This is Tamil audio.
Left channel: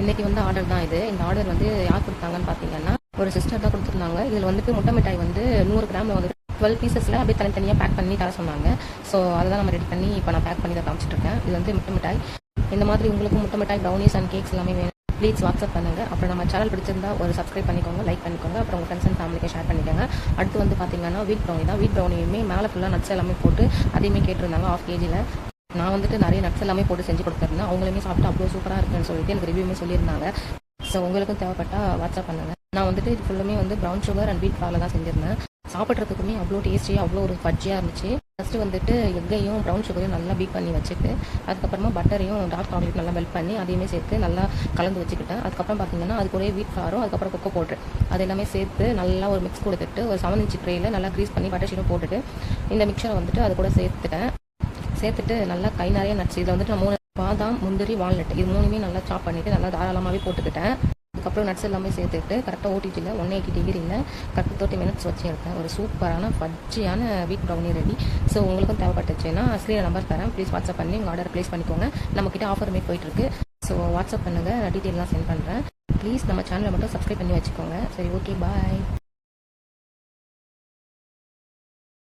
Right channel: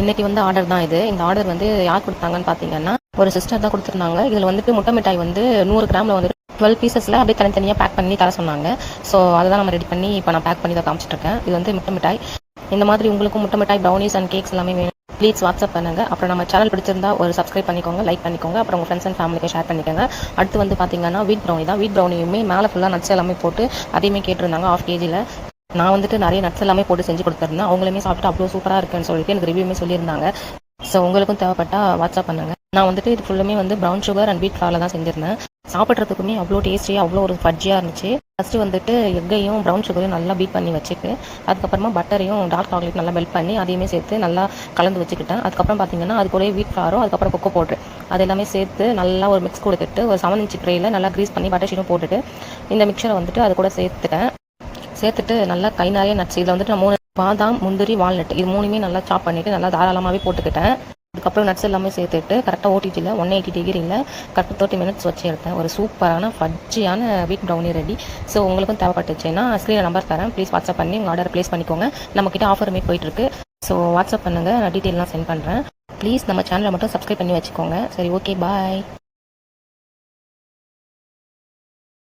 இன்னைக்கு வந்து ஆர்டர் தான் இது. இந்த ஆர்டர் வந்து யார் கொடுத்தாங்கன்னு பார்த்தீங்கன்னா ஒரு சிஸ்டர் தான் கொடுத்துருந்தாங்க. இதில் வந்துட்டு முட்டை மிட்டாய் வந்து 100 கிராமில் வந்து 12 பீசஸில் அப்படியே தனித்தனியாக பேக் பண்ணி தர சொன்னாங்க. ஸோ அதை தான் நம்ம ரெடி பண்ணி இப்போ நான் பேக் பண்ணி தான் காமிச்சிட்ருக்கேன். இது வந்து முட்டை மிட்டாய். இந்த மாதிரி உங்களுக்கும் முட்டை மிட்டாய், ப்ரௌனிஸ் அண்ட் கேக்ஸ் எல்லாமே வேணும், ப்ளீஸ் வாட்ஸ்அப் பண்ணுங்கள். அப்புறம் நம்ம சேனல் பிடிச்சிருந்தா ஒரு சப்ஸ்கிரைப் பண்ணிக்கோங்க, லைக் பண்ணிக்கோங்க. அப்புறம் உங்கள் ஃப்ரெண்ட்ஸ் அண்ட் ஃபேமிலிக்கு ஷேர் பண்ணிக்கோங்க. அடுத்து வந்து பார்த்தீங்கன்னா வீட் ப்ரௌனி தான். வீட் ப்ரௌனியுமே மேலே ஃபுல்லாக நட்ஸ் எல்லாமே போட்டு அதையுமே கேட்டிருந்தாங்க 1/2 kgயில். நான் வந்துட்டு நிறைய நட்ஸ் எல்லாமே போட்டு செஞ்சு கொடுத்துருந்தேன். அவங்களுமே சாப்பிட்டு அவ்வளோ சூப்பராக இருக்குன்னு சொல்லிட்டு எனக்கு ரிவ்யூமே சொல்லியிருந்தாங்க. ஸோ உங்களுக்கும் தேவைப்பட்டால் வாட்ஸ்அப் பண்ணுங்கள். நான் வந்துட்டு இது ஃபுல்லுமே வந்து ப்ரௌன் சுகர் அண்ட் வீட் ஃப்ளாரில் தான் செஞ்சுருந்தேன். சாப்பிட்றதுக்குமே அவ்வளோ டேஸ்டியாக அவ்வளோ ஒரு ஃபட்ஜியாக இருந்துச்சு. ஃபஸ்ட்டு வந்துட்டு எக்கையும் ப்ரௌன் சுகரையும் நல்லா பீட் பண்ணி வச்சுட்டு அதுக்கப்புறமா பட்டரையும் டார்க் சாக்லேட் நல்லா மெல்ட் பண்ணி அதையுமே சேர்த்து நல்லா கலந்து வச்சுக்கிட்டேன். அதுக்கப்புறம் பார்த்தீங்கன்னா அது கூட வீட் ஃப்ளாரும் அதுக்கப்புறம் கொக்கோ பவுடர் அது எல்லாமே சேர்த்து நல்லா ஒரு மிக்ஸ் கொடுத்துட்டு ஒரு 7 inch ட்ரேயில் நல்லா க்ரீஸ் பண்ணி பட்டர் ஷீட்டும் போட்டுட்டு இந்த மிக்சரை வந்துட்டு அது கூட சேர்த்துட்டு நல்லா கை நிறைய நட்ஸ் இதில் வந்துட்டு நான் 3 பாதாம், முந்திரி, வால்நட் இது 3மே நல்லா சாப் பண்ணிவிட்டு நல்லா தாராளமாகவே போட்டுக்கிட்டேன். அதுக்கப்புறம் நட்ஸ் எல்லாமே சேர்த்துட்டு கரெக்டாக ஓடிடியில் 180 degreeல கரெக்டாக 30 minutes வச்சு எடுத்தேன். ஒரு சூப்பரான ஃபட்ஜியான வீட் ப்ரௌனி ரெடி. ஸோ உங்களுக்கும் தேவைப்பட்டுச்சுன்னா ஸ்க்ரீனில் நம்பர் தரேன், ப்ளீஸ் வாட்ஸ்அப் பண்ணி உங்கள் ஆர்டர் ப்ளேஸ் பண்ணிக்கோங்க. நம்மக்கிட்ட ஆஃபருமே போயிட்டுருக்கு. ஸோ வாட்ஸ்அப் பண்ணுங்கள், நான் டீட்டெயிலாம் சென்ட் பண்ணுறேன். ப்ளீஸ் நம்ம சேனலை மட்டும் சப்ஸ்கிரைப் பண்ணி வச்சுக்கோங்க. சரி, ஓகே, பாய்.